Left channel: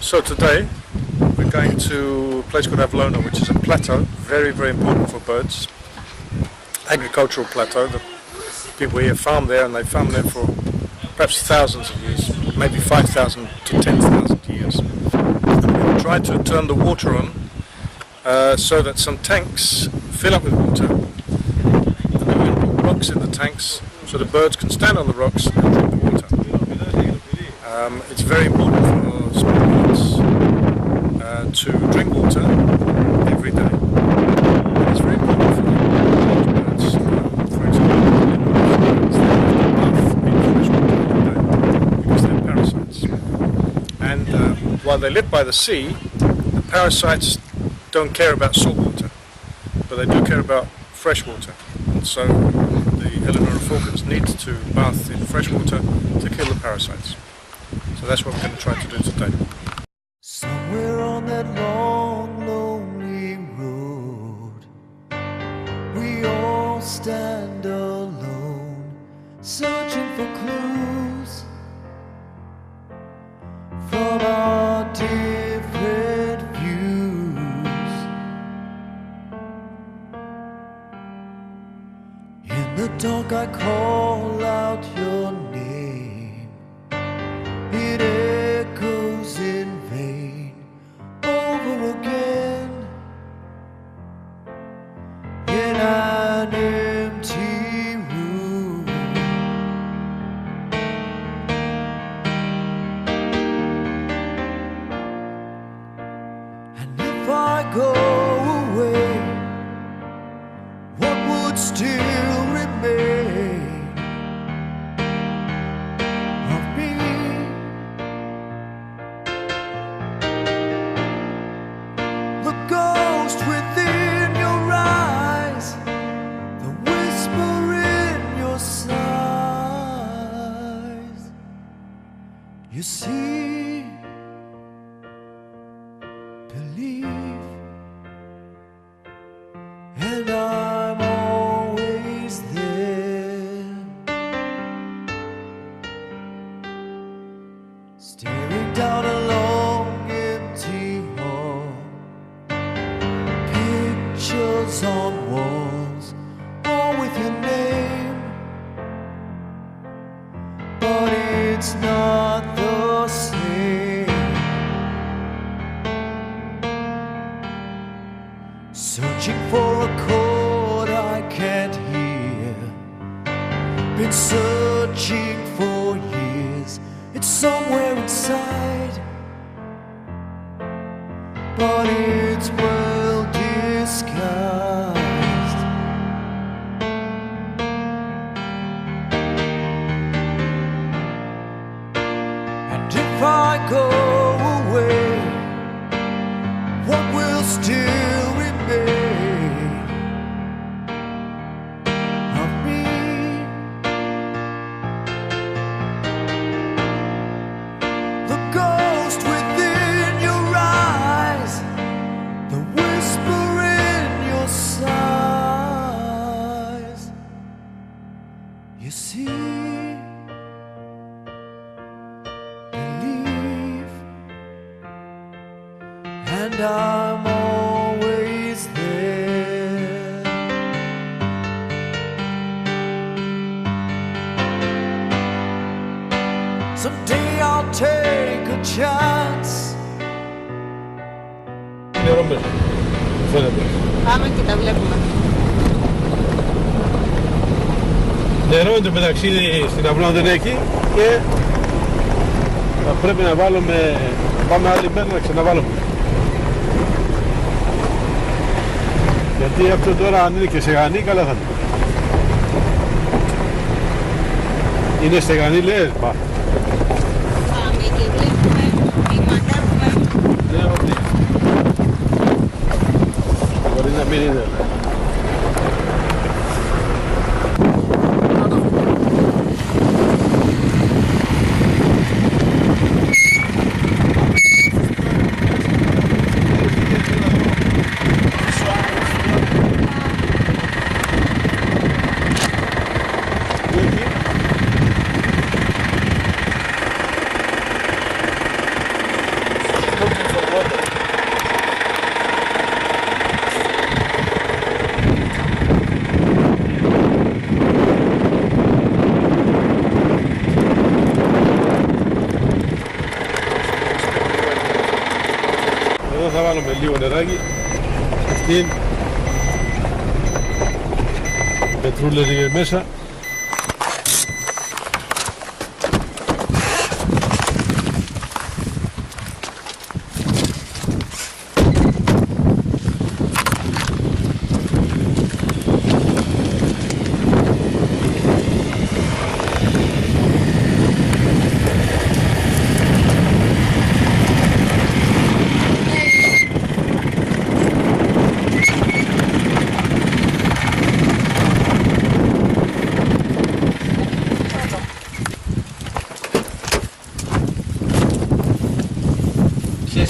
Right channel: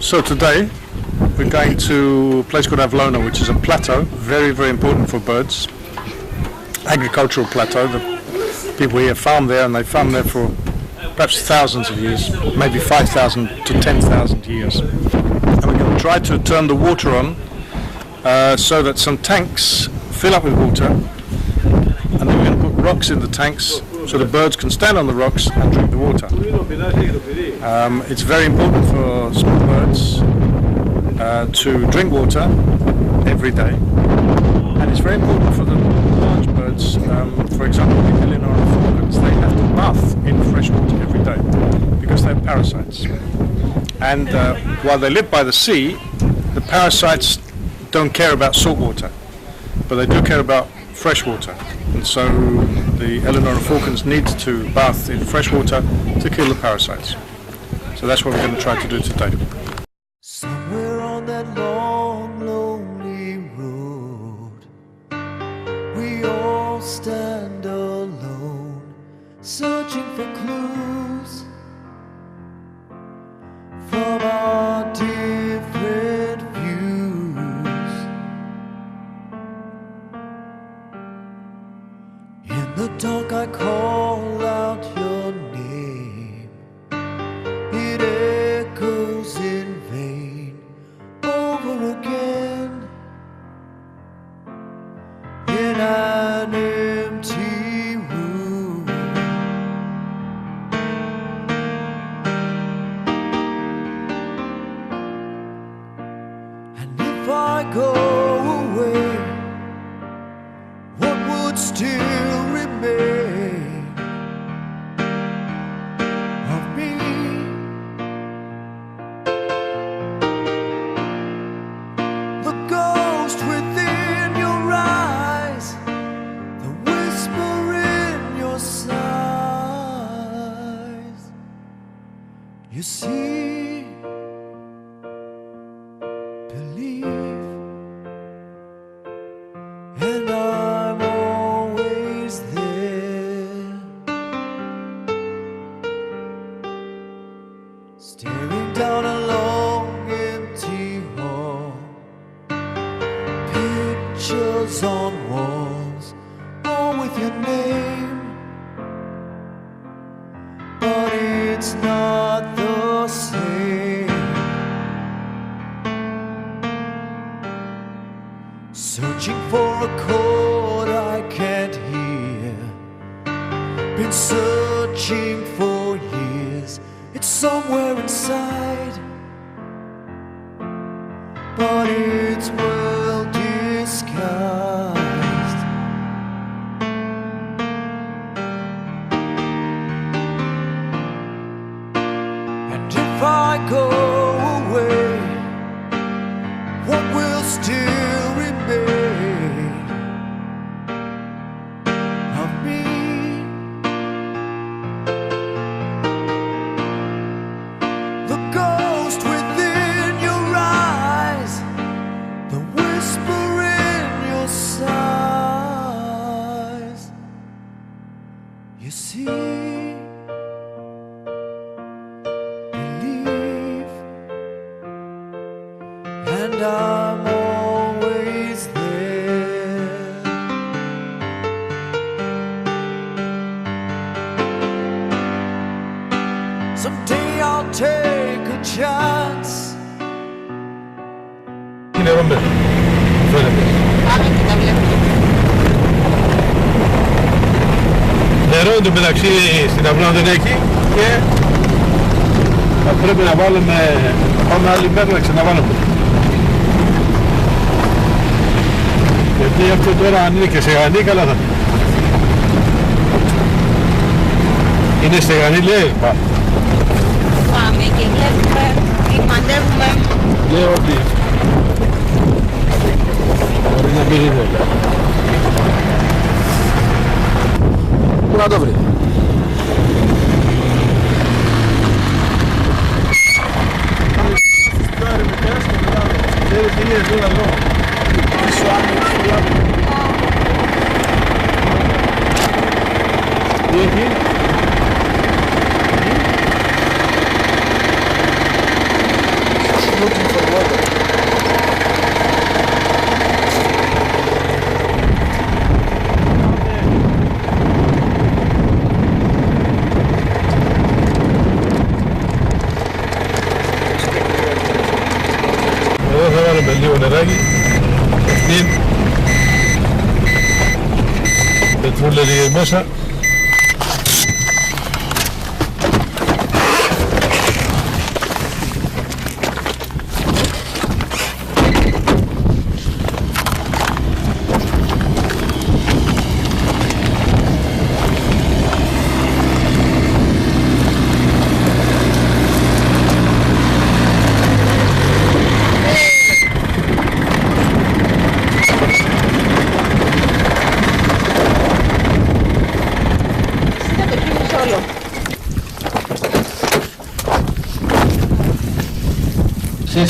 So today we're going to a place called Avlona, which is a plateau, very, very important for birds. Agricultural plateau. The people here farm there, and they farm there for perhaps thousands of years, maybe 5,000 to 10,000 years. And we're going to try to turn the water on so that some tanks fill up with water, and then we're going to put rocks in the tanks so the birds can stand on the rocks and drink the water. It's very important for small birds to drink water every day, and it's very important for the large birds. For example, the Illinois falcons, they have to bath in fresh water every day because they have parasites. And while they live by the sea, the parasites don't care about salt water, but they do care about fresh water. And so the Illinois falcons need to bath in fresh water to kill the parasites. So that's what we're going to try to do today. Somewhere on that long, lonely road, we all stand alone, searching for clues from our different views. In the dark I call out your name, it echoes in vain over again in an empty room. And if I go away, what would still remain of me? The ghost within your eyes, the whisper in your sighs. You see, believe, and I'm always there, staring down a long empty hall, pictures on walls, all with your name, but it's not the same. Searching for a chord I can't hear, been searching for years, it's somewhere inside, but it's well disguised. And if I go away, what will still remain of me? The ghost within your eyes, the whisper in your sighs. You see, believe, and I'm always there. Someday I'll take a chance. Νερό μέσα, μου φαίνεται. Νερό εν τω μεταξύ στην αυλώνα δεν έχει και θα πρέπει να βάλουμε, να πάμε άλλη μέρα να ξαναβάλουμε. Γιατί αυτό τώρα αν είναι και στεγανή καλά θα είναι. Είναι στεγανή λες, Πάμε και βλέπουμε τι μαντεύουμε. Λέω ότι λίγο νεράκι. Αυτήν. Πετρούλα λίγες μέσα.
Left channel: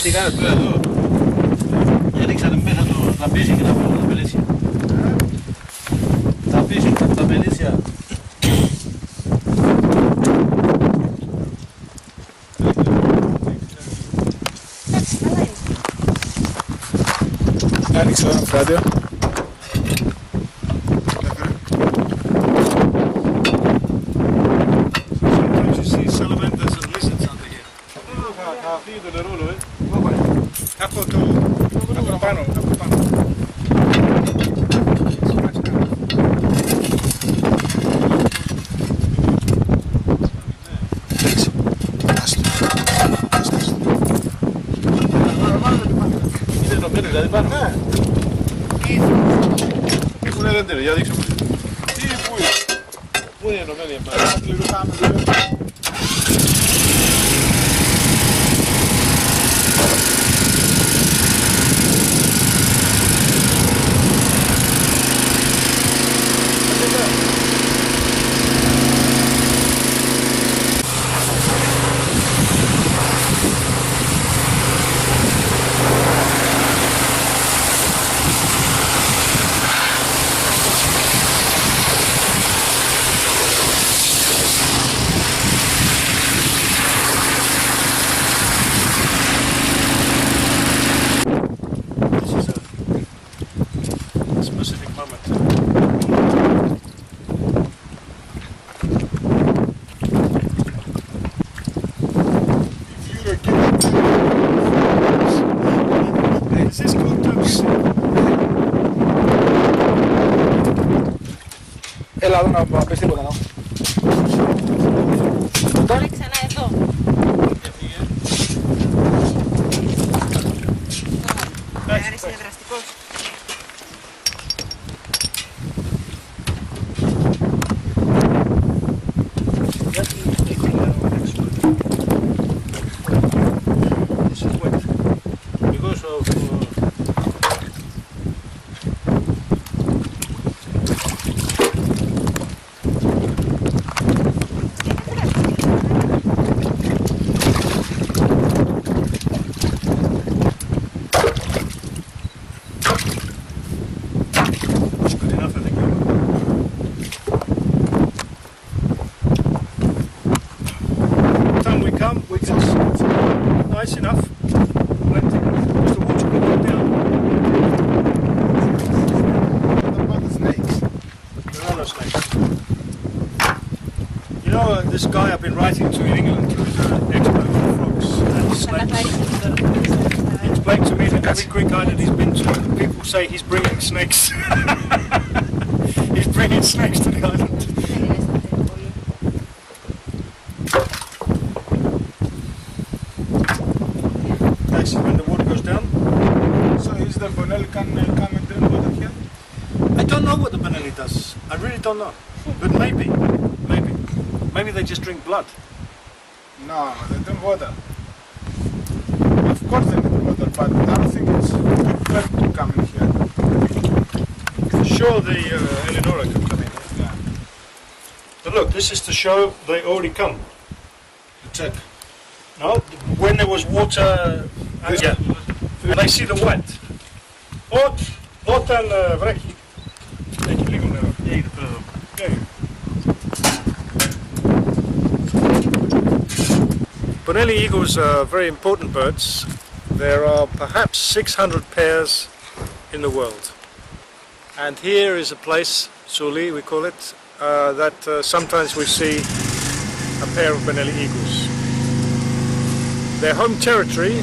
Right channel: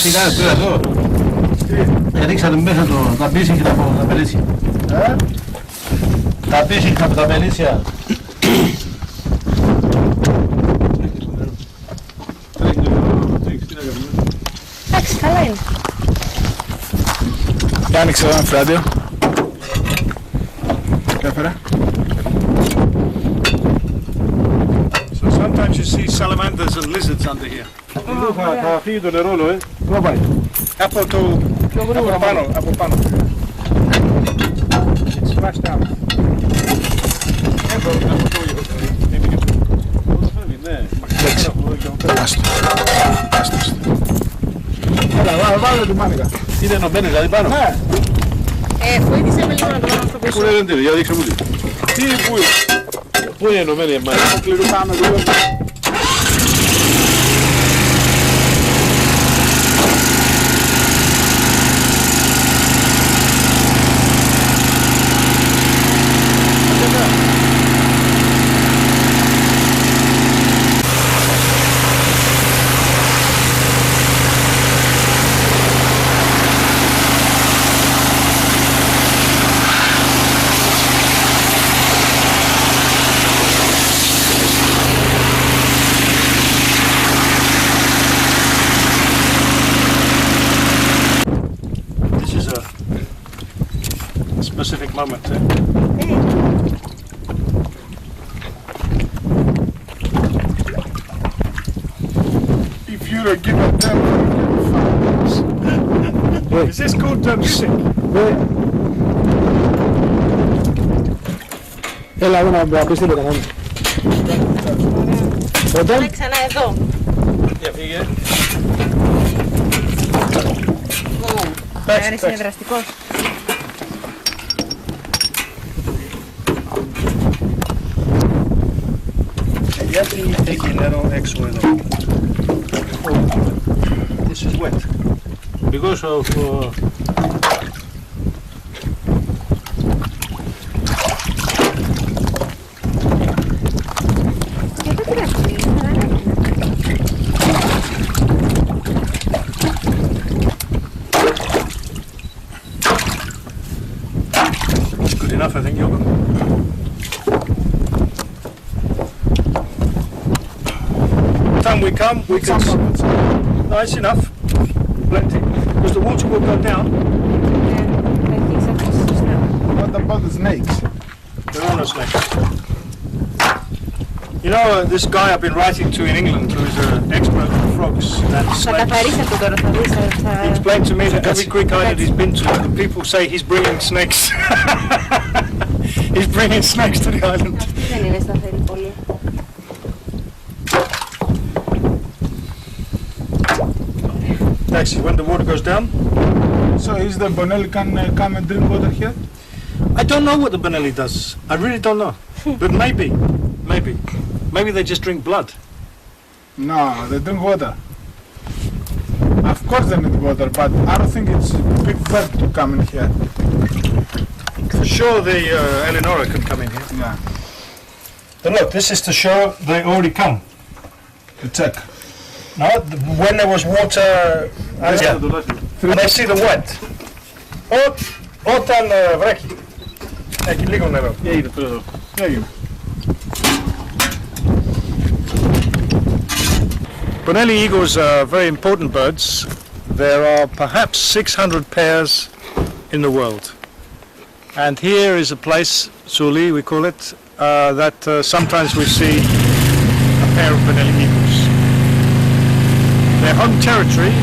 Τι κάνεις τώρα εδώ? Ρίξατε μέσα τα πίσι και τα πελίσια. Τα πίσι και τα πελίσια. Εντάξει, καλά είναι. Για άνοιξε ένα φράντιο. Κέφερα. So sometimes you see salamanders and lizards under here. Θα φύγει το νερό, Πού πάει? Από πάνω, από πάνω. It's smashed down. Εντάξει. Έλα, βάλε την μάνικα. Είναι ενωμένες δηλαδή πάνω. Ναι. Βοήθησε με λίγο να το κάνω στο Πού πίσω. είναι ρεντήρι, για δείξε μου τι. Τι, πού είναι? Πού είναι ενωμένη η μάνα. Κλειδουτάμε λίγο. Specific moment. If you don't give a damn. Is this called music? Έλα να πεις τίποτα μόνο. Βάλε ξανά εδώ. Για φύγε. Άρης είναι δραστικός. Γιατί έχει νερό έξω εδώ? This is wet. Because of... It's good enough, I think, Yoga. Time we come, we can. No, it's enough. Plenty. Because the water will go down. What about the snakes? There are no snakes. You know, this guy I've been writing to in England, who is an expert on frogs and Θα snakes, καθαρίσετε τώρα, θα δεις. he explained to me that every Greek island he's been to, the people say he's bringing snakes. He's bringing snakes to the island. Δεν είναι σταθερή πολύ. Actually, when the water goes down, So is the Bonelli can come and drink water here? I don't know what the Benelli does. I really don't know. But maybe they just drink blood. No, they drink water. Of course they need water, but I don't think it's big fair to come in here. For sure, the Eleonora could come in here. Yeah, But look, this is to show they already come. to check. No, when there was water, and I see the white. Όταν βρέχει, έχει λίγο νερό. Έγινε τώρα εδώ. Bonelli eagles are very important birds. There are perhaps 600 pairs in the world. And here is a place, Suli we call it, that sometimes we see a pair of Bonelli eagles. Their home territory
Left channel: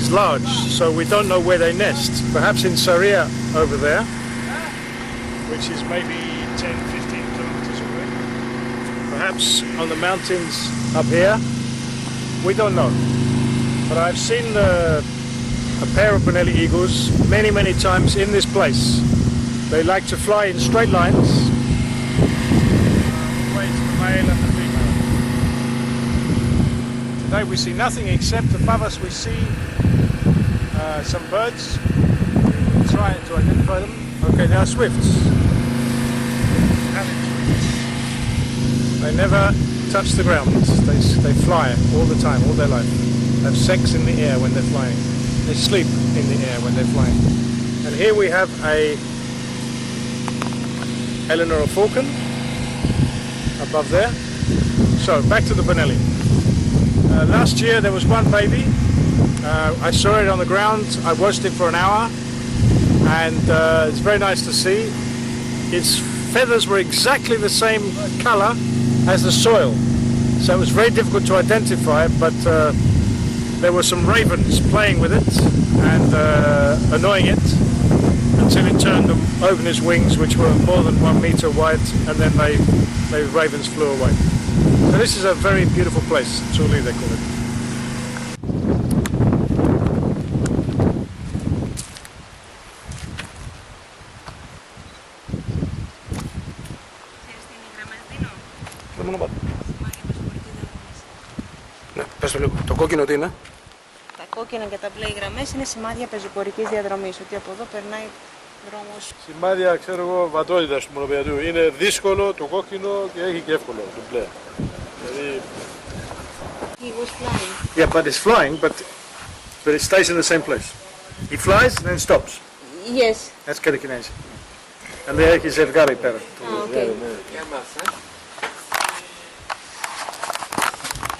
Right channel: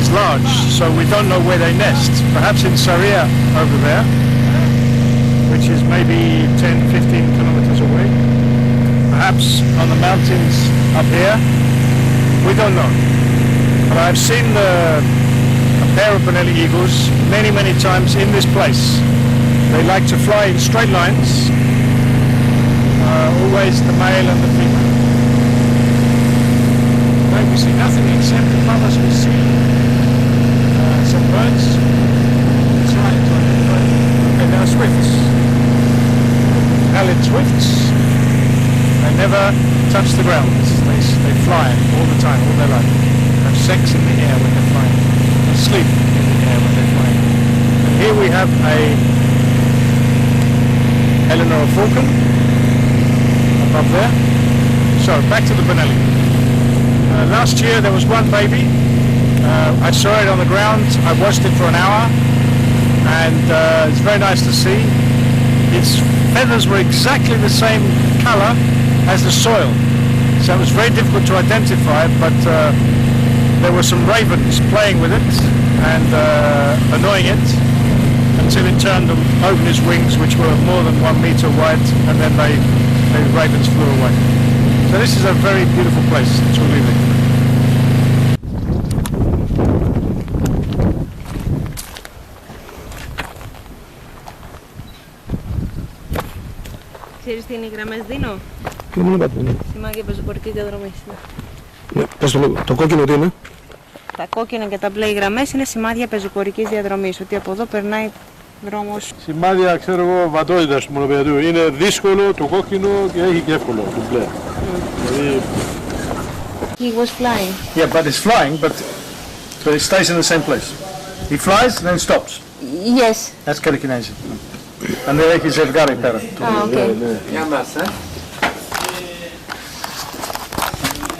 is large, so we don't know where they nest. Perhaps in Saria over there, which is maybe 10-15 kilometers away. Perhaps on the mountains up here. We don't know. But I've seen a pair of Bonelli eagles many times in this place. They like to fly in straight lines. Always the male and the female. And we see nothing except above us we see some birds trying to identify, and our swifts. Allied swifts. They never touch the ground. They fly all the time, all their life. They have sex in the air when they're flying. They sleep in the air when they're flying. And here we have a Eleanor falcon above there. So back to the Bonelli. Last year there was one baby. I saw it on the ground. I watched it for an hour, and it's very nice to see. Its feathers were exactly the same color as the soil, so it was very difficult to identify, but there were some ravens playing with it and annoying it until it turned and opened its wings, which were more than 1 meter wide, and then the ravens flew away. So this is a very beautiful place, truly they call it. Ξέρεις τι είναι οι γραμμές Δίνο? Τι μόνο κάτι είναι. Σημάδια πεζοπορικής διαδρομής. Πες το λίγο, το κόκκινο τι είναι? Τα κόκκινα και τα μπλε γραμμές είναι σημάδια πεζοπορικής διαδρομής, ότι από εδώ περνάει δρόμος. Σημάδια, ξέρω εγώ, βατότητας του μονοπεδιατού. Είναι δύσκολο το κόκκινο και έχει και εύκολο το μπλε. Δηλαδή... He was flying. Yeah, but it's flying, but it stays in the same place. He flies and then stops. Yes. That's telekinesi. And there έχει ζευγάρι πέρα. Okay.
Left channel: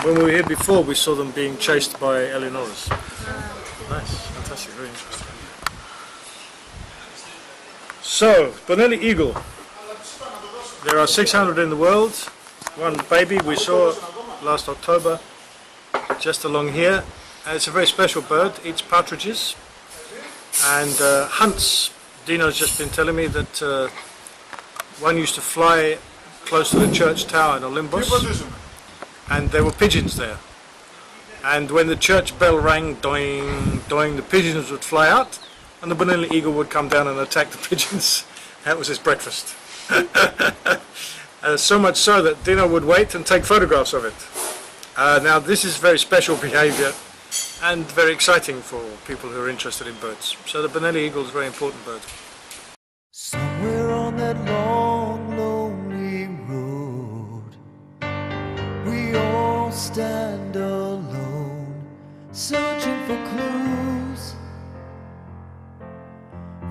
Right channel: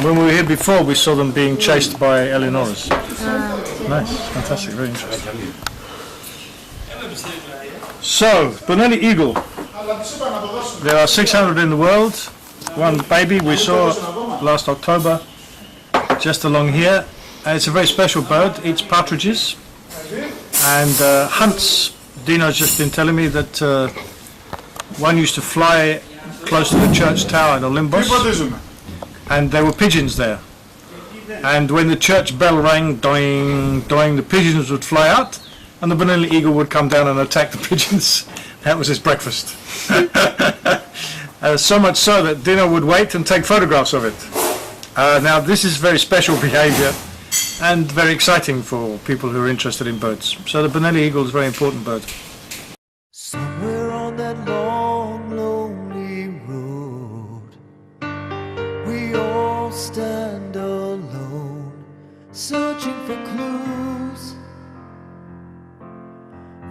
When we were here before, we saw them being chased by Eleonoras. Nice, fantastic, very interesting. So, Bonelli eagle. There are 600 in the world. One baby we saw last October, just along here. It's a very special bird, eats partridges and hunts. Dino's just been telling me that one used to fly close to the church tower in Olympus. And there were pigeons there. And when the church bell rang, doing, doing, the pigeons would fly out, and the Bonelli eagle would come down and attack the pigeons. That was his breakfast. So much so that Dino would wait and take photographs of it. Now this is very special behavior and very exciting for people who are interested in birds. So the Bonelli eagle is a very important bird. Somewhere on that long, lonely road, we all stand alone, searching for clues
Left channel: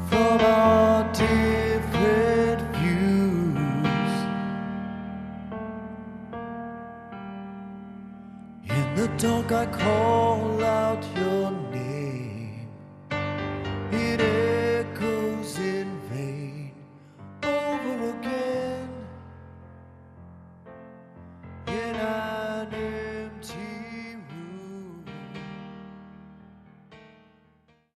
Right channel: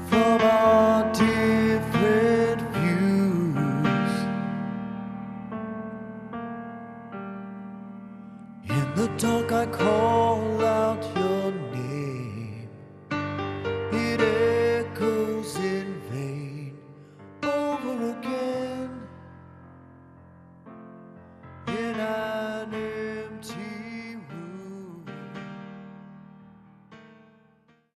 from our different views. In the dark I call out your